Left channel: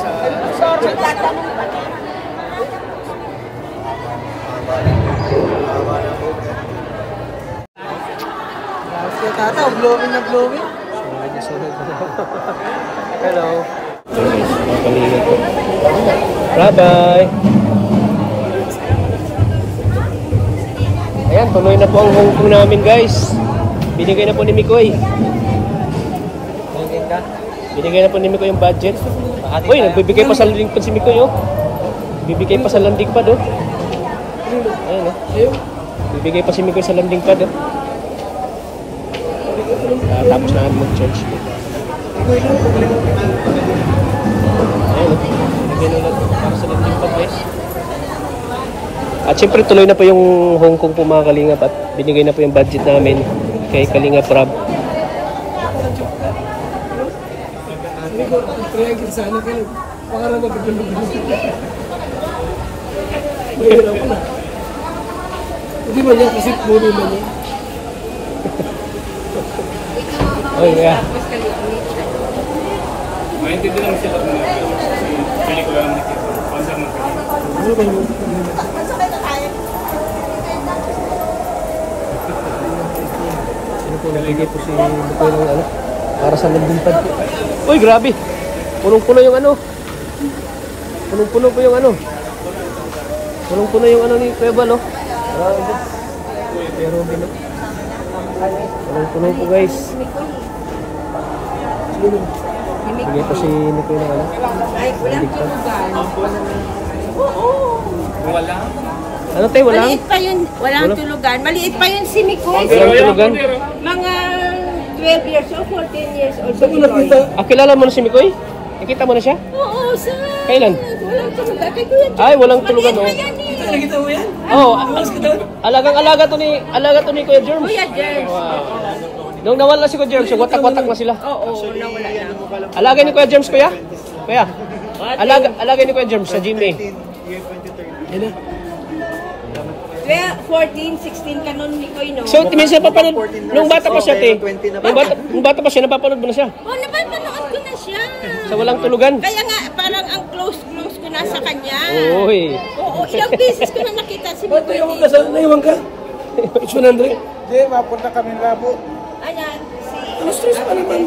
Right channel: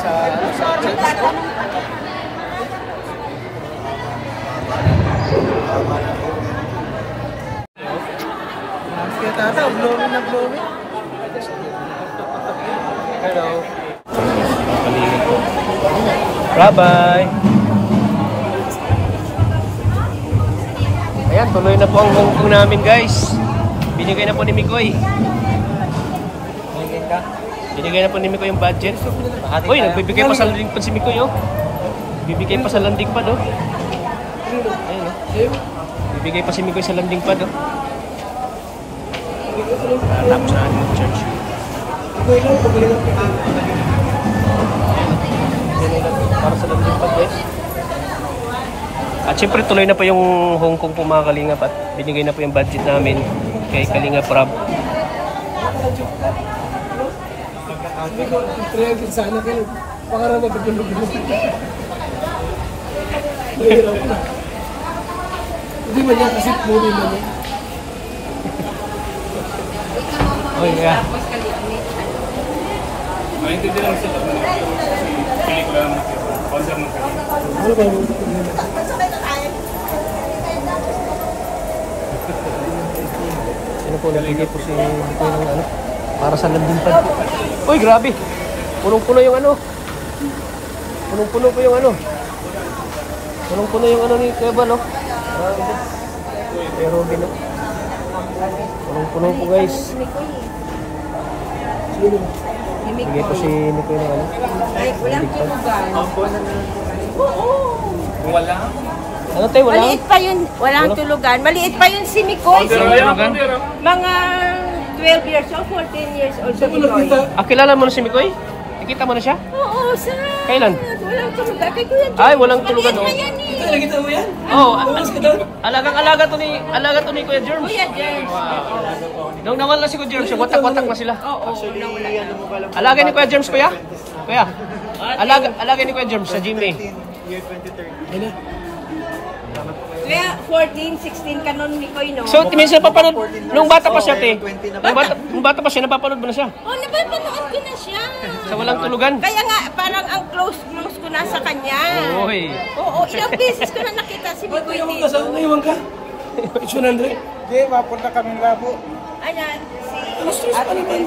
sa church. Kaya tata, blooming na blooming. Hello. Bye-bye. Ayan, tuloy na po ang hongkong namin, guys. Binigay na po ni Mikoy. Binigay na po ni Mikoy yung budget. Uy, nagbibigay pa sa landing pad si Mikoy, oh. Bibigay pa sa landing pad, oh. Ayun, oh. Bibigay pa si Mikoy sa landing pad, oh. Tapos na kami mag-charge. Ayun, at siyempre tuloy na po yung Hong Kong po mga Kalingap at binigay na po yung budget namin kay Kalingap Rob. Sana kayo, pangarap magpapalugod. Hindi man yan kasi puro man yan. Oh yeah. Maintindihan lang siya kasi pelikula naman nakita. Concert ng pelikula. Ano ba yun? Sino po nabigay po si Bukulong ano? Para sa landing pad. Uy, grabe! Punong-puno yung ano. Punong-puno po yung ano. Punong-puno yung ano ni Kuya no? Pero hindi na. Punong-puno po guys. Bigay pa si Nico yung ano. Ay, walang tulugan. Oo. Wala? Ano tayo? Wala? Maliit pa yun. Walang tulugan. Maliit pa yun si Mikoy. Walang tulugan? Mga 12 years old, 14 years old si Mikoy. Ah, kilala mo na si Mikoy? Nakita mo na siya? Oo, sa... Kailan? Walang tulugan. Kay Kuya Jones. Ay, walang tulugan, Maliit oh. pa yan eh. Nakita mo yan? Oo. Alagang-alaga to ni Kuya Germs. Kuya Jones. Nung nawala si Kuya Germs, watak-watak na sila. Oo, nawala yan. Alagay ni Kuya Germs, Kuya? Kuya? Alagay ni Kuya Germs sa Gmail. Year 2030. 14, 16 ka nun, Mikoy, no? So, minsan napapanood, nung bata pa siya, te. Nung bata pa siya, napapanood mo na siya. Oo, napapanood ko na siya. Sa walang tulugan. Kaya nga, parang ang close ko na sa kanya. Uy. Oo, ilang beses ko na nakita si Ba't Mikoy yung dito. kasama na iwan ka? It's 100. Hindi, mapunta kami ng labo. Ayan, si... Stress pa naman.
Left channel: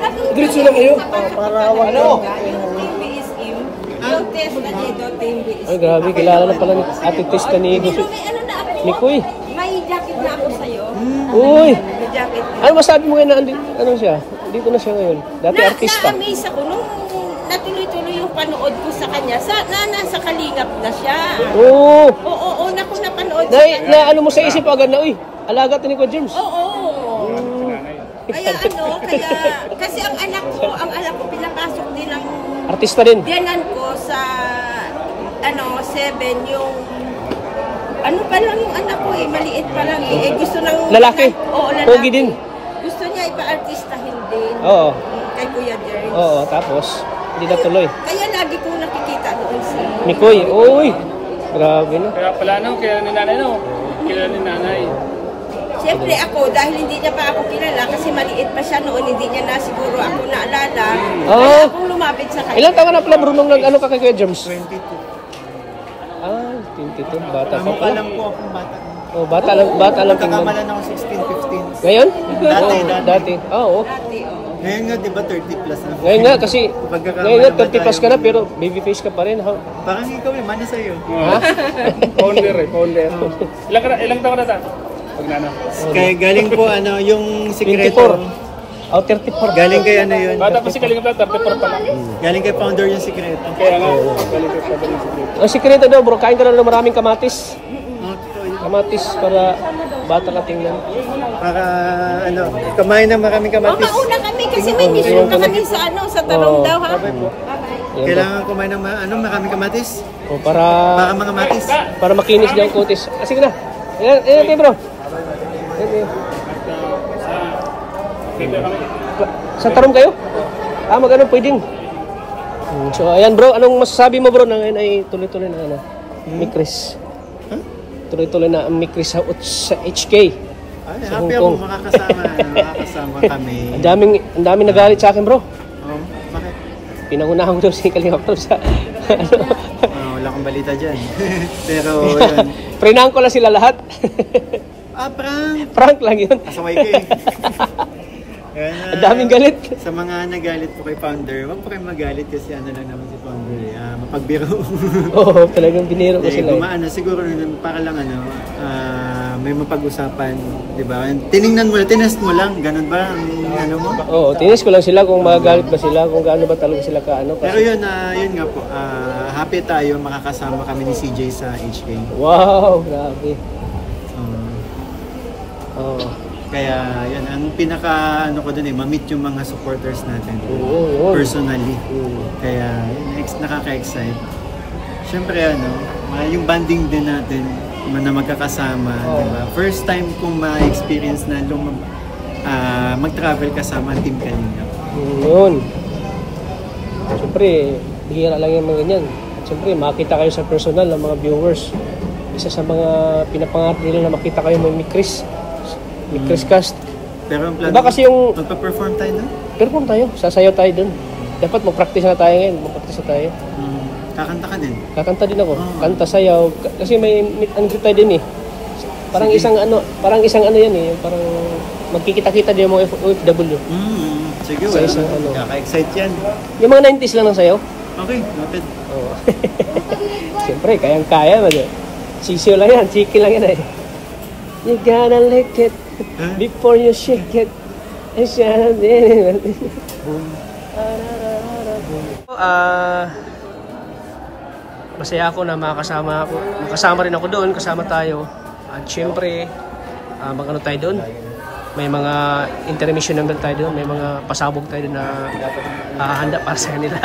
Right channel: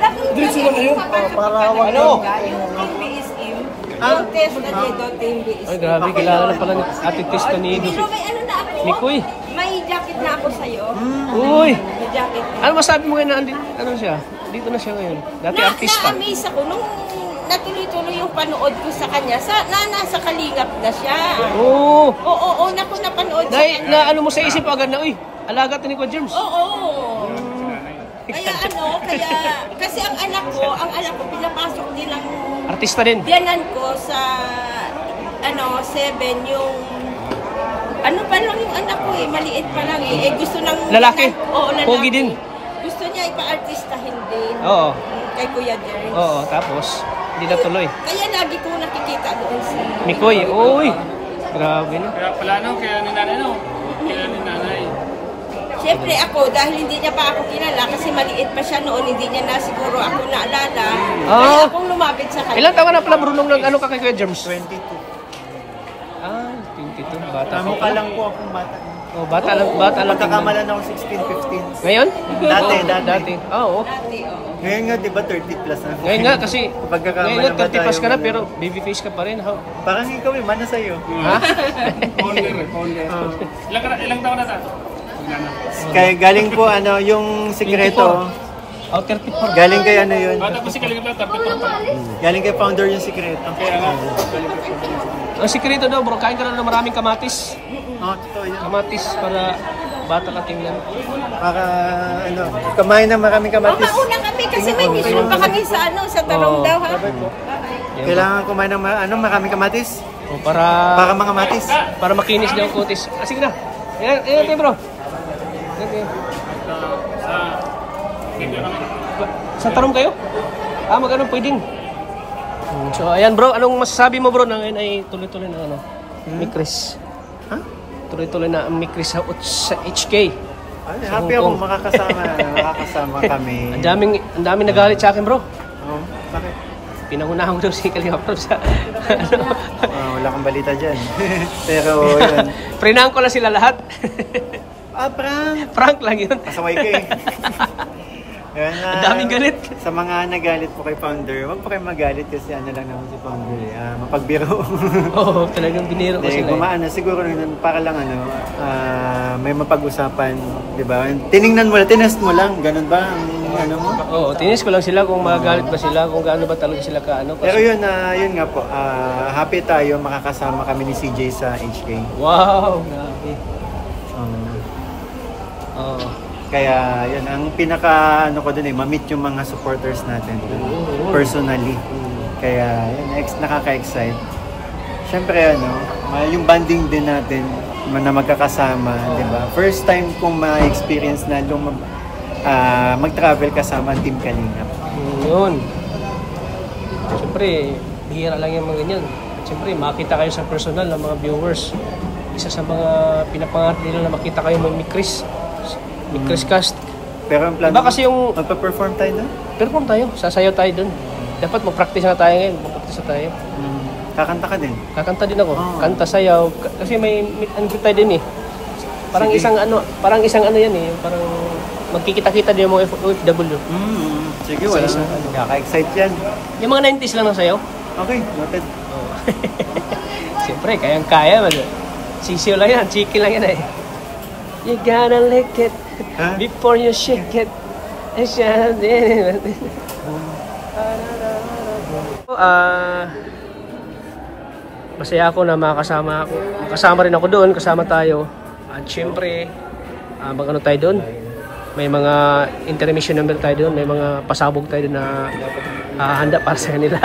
Tapos Diretso lang kayo. para ano? Yung BSM. Yung test na dito, yung BSM. Ay, grabe, kilala na pala ni Ate Tista ni Pero may ano na ako. Mikoy. May jacket na ako sa'yo. Uy. May jacket na. Ano masabi mo ngayon na ano siya? Dito na siya ngayon. Dati artista. Na-amaze ako nung natuloy-tuloy yung panood ko sa kanya. Nasa Kalingap na siya. Oo. Oo, na ko napanood sa Na, kanya. na ano mo sa isip agad na, uy, alaga to ni Kuya Germs. Oo. Kaya kasi ang anak ko pinapasok din ng Artista din. diyanan ko sa 7 yung ano pa lang yung anak ko maliit pa lang gusto ng Lalaki? Oo, lalaki. Pogi din? Gusto niya ipa-artistahin din. Oo. Kay Kuya Jerns. Oo, tapos, hindi na tuloy. Kaya lagi ko nakikita doon si Mikoy, uy. Grabe na. Kaya pala no, kaya ni nanay no. Kaya ni nanay. Siyempre ako, dahil hindi niya pa ako kilala, kasi maliit pa siya noon, hindi niya na siguro ako naalala. Kaya akong lumapit sa kanya. Ilang taon na pala Brunong nag ano ka kay Kuya Germs? 22. Ah, 22. Bata pa Tama pa pala. lang po akong bata. Oh, bata lang tingnan. Magkakamalan ako 16, 15. Ngayon? Dati. Dati. Oo. Dati, oo. Ngayon nga, di ba 30 plus na? Ngayon nga kasi, Pagkakamalan ngayon nga ba 30 plus ka na tayo? pero baby face ka pa rin. Ha? Parang ikaw mana sa'yo. Ha? Founder. Ilang taon na tayo? Pag nano. Kaya galing po yung sikreto. 24. Oh, 34. Galing kay yun. Bata pa si Kalingap na 34 pa lang. Galing kay founder yung sikreto. Kaya nga, galing ko pa din si Ang sikreto daw bro, kain ka na ng maraming kamatis. Totoo yun. Kamatis para bata ka tingnan. Para kumain ng maraming kamatis. Mauna kami kasi may mission pa kami sa tarong daw ha. Yan ba? Kailangan kumain ng maraming kamatis. Oh, para Mga matis. para makinis niya ang kutis. Ah, sige na. Ayan, bro. Ayan. Sa tarong kayo? Ah, magano pwedeng. So, ayan bro, anong masasabi mo bro na ngayon ay tuloy-tuloy na ni Chris? Ha? Tuloy-tuloy na ni Chris sa HK. Ay, happy ako makakasama kami. Ang daming nagalit sa akin bro. Bakit? Pinangunahan mo daw si Kalinga Prab sa Wala kang balita dyan. Pero yun. Prinahan ko lang sila lahat. Prank! Prank lang yun. Masaway ka eh. Yan, Ang daming galit. Sa mga nagalit po kay Founder, huwag po kayo magalit kasi ano lang naman si Founder eh. Mapagbiro. Oo, talagang biniro ko sila. Gumaan siguro para lang may mapag-usapan, di ba? Tiningnan mo lang, tinest mo lang, ganun ba ang ano mo? Oo, tinis ko lang sila kung magagalit ba sila, kung gaano ba talaga sila kaano. Pero yun nga po, happy tayo makakasama kami ni CJ sa HK. Wow, grabe. Oo. Kaya yun, ang pinaka ko dun ma-meet yung mga supporters natin personally. Kaya yun, nakaka-excite. Siyempre yung banding din natin na magkakasama, di ba? First time kong ma-experience na mag-travel kasama ang Team Kalingap. Yun. Siyempre, bihira lang yung mga ganyan. Siyempre, makita kayo sa personal ng mga viewers. Isa sa mga pinapangarap nila na makita kayo ng Chris Cast. Pero ang plano, diba kasi yung magpa-perform tayo doon? Perform tayo, sasayaw tayo doon. Dapat mag-practice na tayo ngayon, mag-practice na tayo. Kakanta ka din? Kakanta din ako. Kanta, sayaw. Kasi may ano tayo din eh. Parang sige. isang ano yan eh. Parang magkikita-kita din yung mga OFW. Sige, wala. Kaka-excite yan. Yung mga 90s lang ng sayaw. Okay, noted. Oo. Siyempre, kayang-kaya. Sisiyo lang yan, chicken lang yan eh. You gotta lick it before you shake it. Masaya ako na makasama rin ako doon, kasama tayo. At syempre, mag-ano tayo doon. May mga intermission number tayo doon, may mga pasabog tayo doon na hahanda para sa kanila.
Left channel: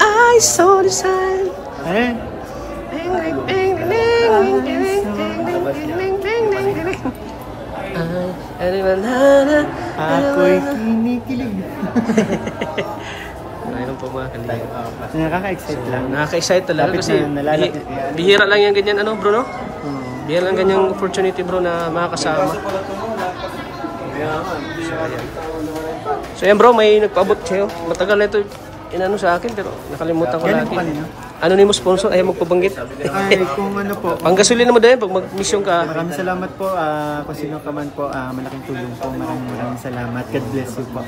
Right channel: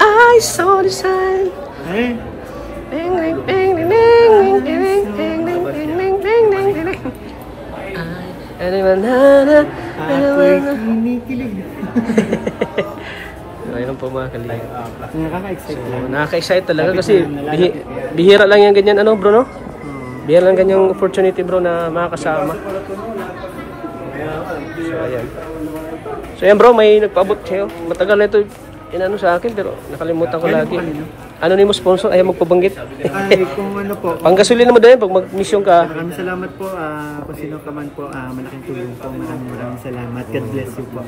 I saw the sign. Ako'y kinikilig. Ayun po mga Kalingap. Nakaka-excite lang. Nakaka-excite talaga kasi bihira lang yung ganyan bro, no? Bihira lang ganyang opportunity bro na makakasama. So ayan bro, may nagpaabot sa'yo. Matagal na ito sa akin pero nakalimutan ko lagi. Ano ni mo sponsor? Ayaw magpabanggit. Ay, kung ano po. Panggasolina mo din pag mag-mission ka. Maraming salamat po. Kung sino ka man po, malaking tulong po. Maraming salamat. God bless you po.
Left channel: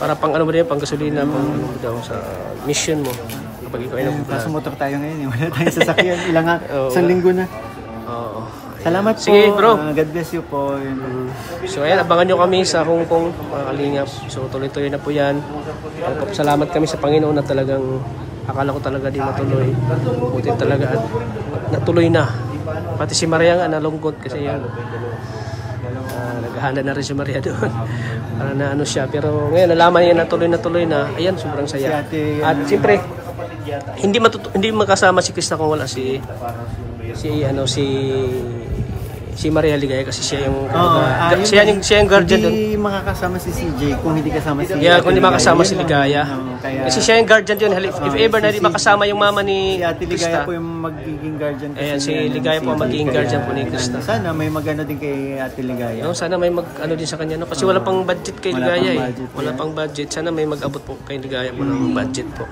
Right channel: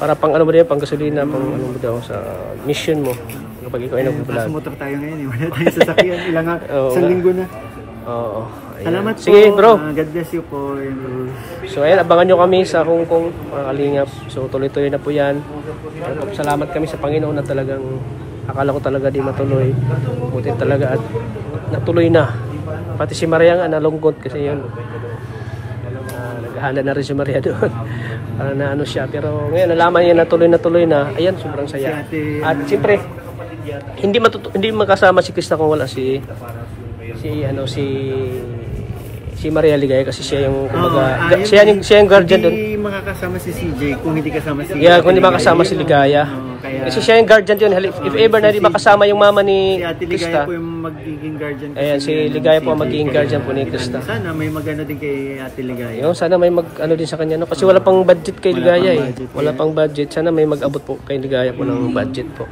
Para pang ano mo din, panggasolina, pang ano mo daw sa mission mo. Kapag ikaw ay nagpo-vlog. Kaso motor tayo ngayon. Wala tayong sasakyan. Isang linggo na. Oo. Salamat po. Sige bro. God bless you po. So ayan, abangan nyo kami sa Hong Kong, mga Kalingap. So tuloy-tuloy na po yan. Salamat kami sa Panginoon na talagang akala ko talaga di matuloy. Buti talaga at natuloy na. Pati si Maria nga nalungkot kasi yun. Naghahanda na rin si Maria doon. Para na ano siya. Pero ngayon nalaman niya natuloy na. Ayan, sobrang saya. At siyempre, hindi makasama si Krista kung wala si Maria Ligaya kasi siya yung siya yung guardian doon. Hindi makakasama si CJ kung hindi kasama si kung hindi makasama si Ligaya. Kasi siya yung guardian doon. If ever na hindi makasama yung mama ni Krista. Si Ate Ligaya po yung magiging guardian. Ayan, si Ligaya po ang magiging guardian po ni Krista. Sana may magano din kay Ate Ligaya. Sana may mag-ano din sa kanya. No? Kasi wala pang budget kay Ligaya eh. Wala pang budget. Sana may mag-abot po kay Ligaya po ng budget po.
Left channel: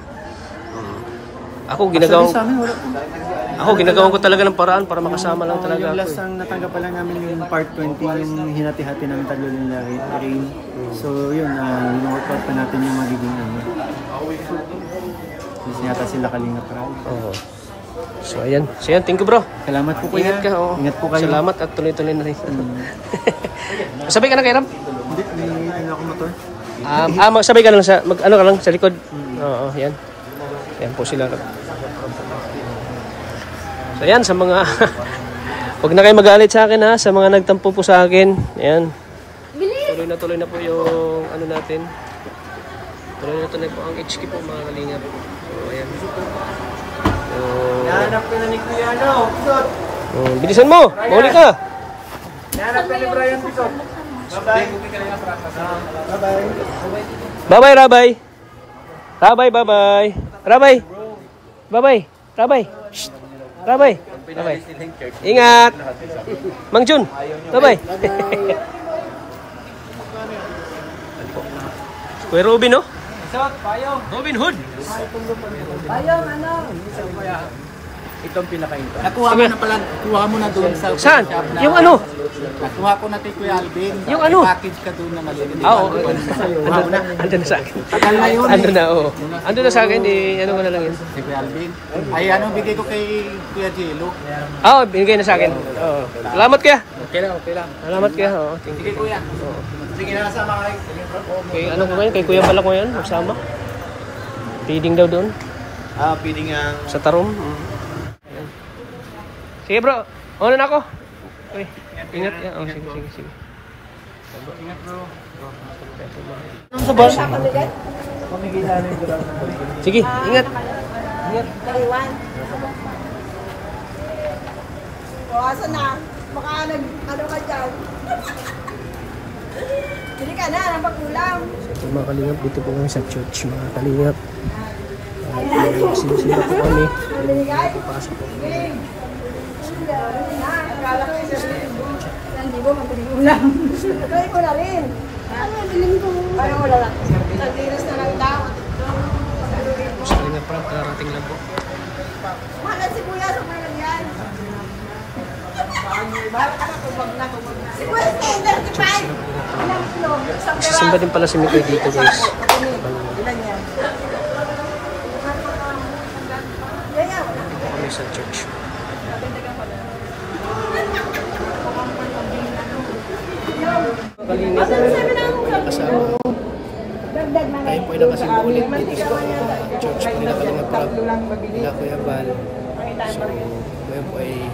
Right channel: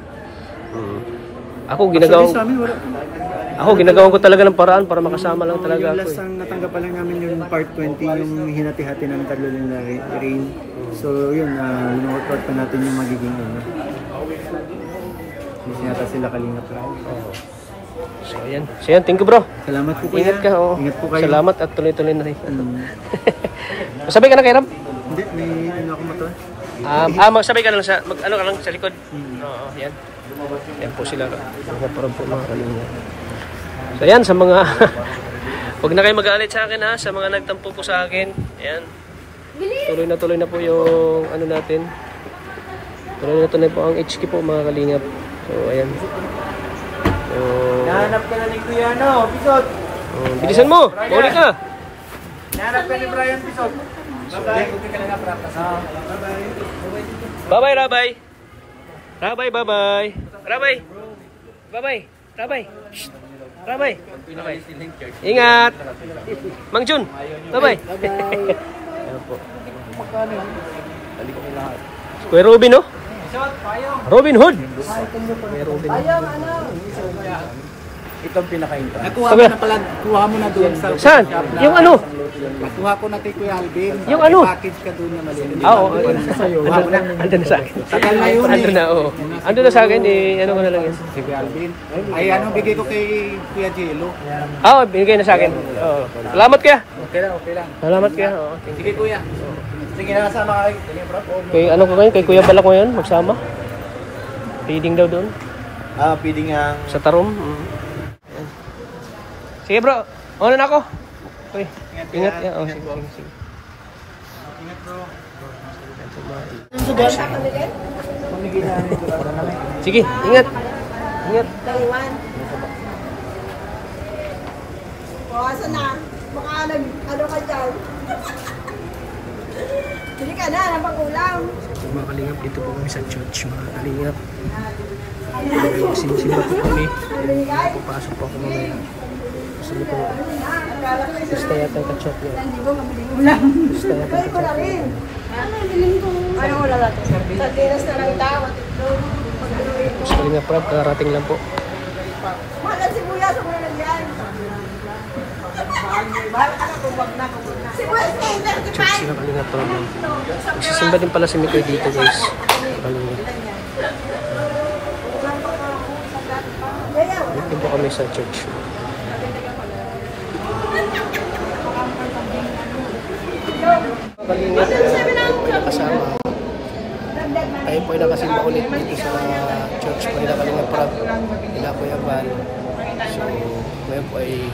Ako ginagawan ko talaga ng paraan para makasama lang talaga ako. Yung last ang natanggap pa lang namin yung part 20, yung hinati-hati ng tatlo nila Rain. So yun, workout pa natin yung magiging kasi yata sila Kalingap. Oo. So ayan, thank you bro. Salamat po po. Ingat ka. Ingat po kayo. Salamat at tuloy-tuloy na rin. Sabay ka na kay Ram? Hindi, may ako motor. Sabay ka lang sa, ka lang sa likod. Oo, yan. Yan po sila. So yan, sa mga huwag na kayo magalit sa akin ha, sa mga nagtampo po sa akin. Yan. Tuloy na po yung ano natin. Tuloy po ang HK po mga Kalingap. So ayan. Nahanap ka na ni Kuya Bisot. Bilisan mo, mahuli ka. Nahanap ka ni Brian Bisot. Bye-bye, Rabay. Rabay. Shh. Rabay. Ingat. Mang Jun. Bye-bye. Kuya Ruby, no? Robin Hood. May Robin Hood. Itong pinaka-intro. Nakuha mo na pala, kuha mo na doon sa saan? shop na. Yung ano? Nakuha ko na kay Kuya Alvin. Yung ano? Package ka doon na maliliit. Oo. Kuha mo na. Andun na sa akin. Tagal na yun. Andun na, oo. Andun na sa akin, ano ko na lang yun. Si Kuya Alvin. Ay, anong bigay ko kay Kuya Jello? Oo, binigay na sa akin. Oo. Salamat kaya. Okay lang, okay lang. Salamat kaya. Oo, thank Sige you. Kuya. Sige na, sama kayo. Kay ano ko ngayon? Kay Kuya Balak ko ngayon, magsama. Feeding daw doon. Feeding ang... Sa Tarom. Ayan. Sige bro, una na ako. Okay. Ingat ya. Oh, sige. Ingat bro. Sige, ingat. Ingat. Taiwan. O, asan na? Baka ano ka dyan? Hindi ka na, napag-ulam. So, mga kalingap, dito po kami sa church, mga kalingap. Sinisira po kami. Papasok po kami. Gusto kaya tayo ka-church. Hindi mo mabiling ulam. Gawin ko na rin. Ano, bilhin ko? Ayaw mo lang. Iras na lang dapat. Sa kalingap, Prab, karating lang po. Mahal si Kuya sa mga yan. Si Kuya sa Church sila kalingap, Prab. Magsisimba din pala si Mikoy dito, guys. Kalingap. Dito po kami sa church. Kalingap, tayo po ay nakasama. Tayo po ay nakasimba ulit dito sa church po nila Kalingap Prab, nila Kuya Val. So, ngayon po ay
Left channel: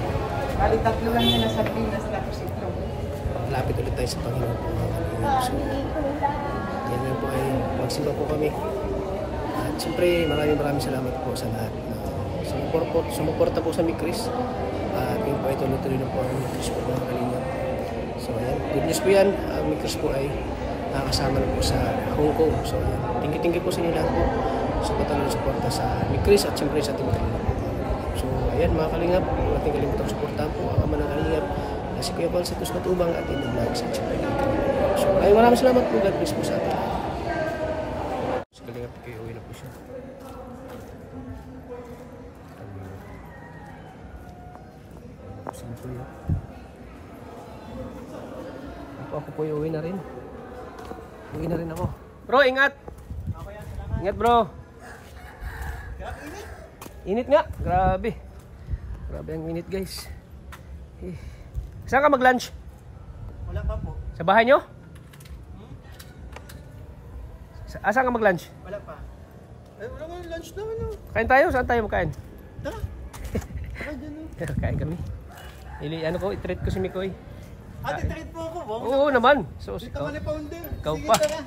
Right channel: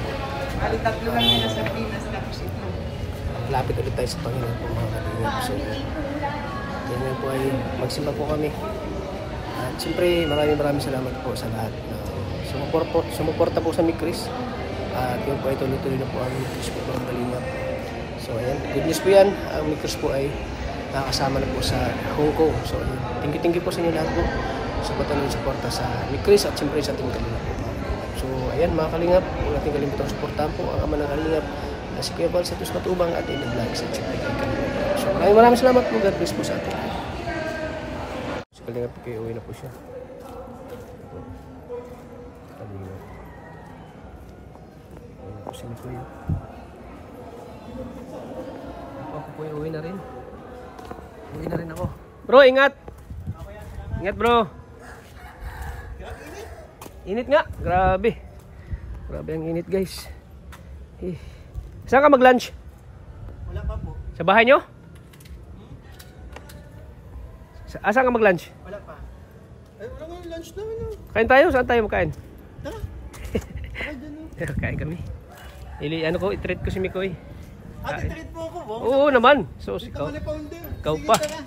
malapit ulit tayo sa Panginoon po mga Kalingap. So, kaya ngayon po ay magsimba po kami. At siyempre maraming salamat po sa lahat na sumuporta po sa Mikris. At yun po ay tuloy-tuloy na po ang Mikris po mga Kalingap. So ayan, good news po yan. Ang Mikris po ay nakakasama na po sa Hong Kong. So ayan, thank you po sa inyo lahat po sa patuloy na suporta sa Mikris at siyempre sa ating Kalingap po. So ayan mga Kalingap, huwag natin kalimutan suportahan po ang ama ng Kalingap na si Kuya Val sa Tus Matubang at in the vlogs at siyempre kay Kalingap. So maraming salamat po. God bless po sa ating lahat. Si Kalingap kayo, uwi na po siya. Kalingap. Uwi na po si Kuya. Ako po yung uwi na rin. Uwi na rin ako. Bro, ingat! Ingat bro! Init nga! Grabe! Grabe ang init guys. Saan ka mag-lunch? Wala pa po. Sa bahay nyo? Saan ka mag-lunch? Wala pa. Ay, wala nga lunch na ano. Kain tayo? Saan tayo magkain? Tara. Tara dyan o. Kain kami. Ano ko, i-treat ko si Mikoy. Ate, treat mo ako. Oo naman. So, Ikaw ikaw na founder. Ikaw Sige, pa. tara.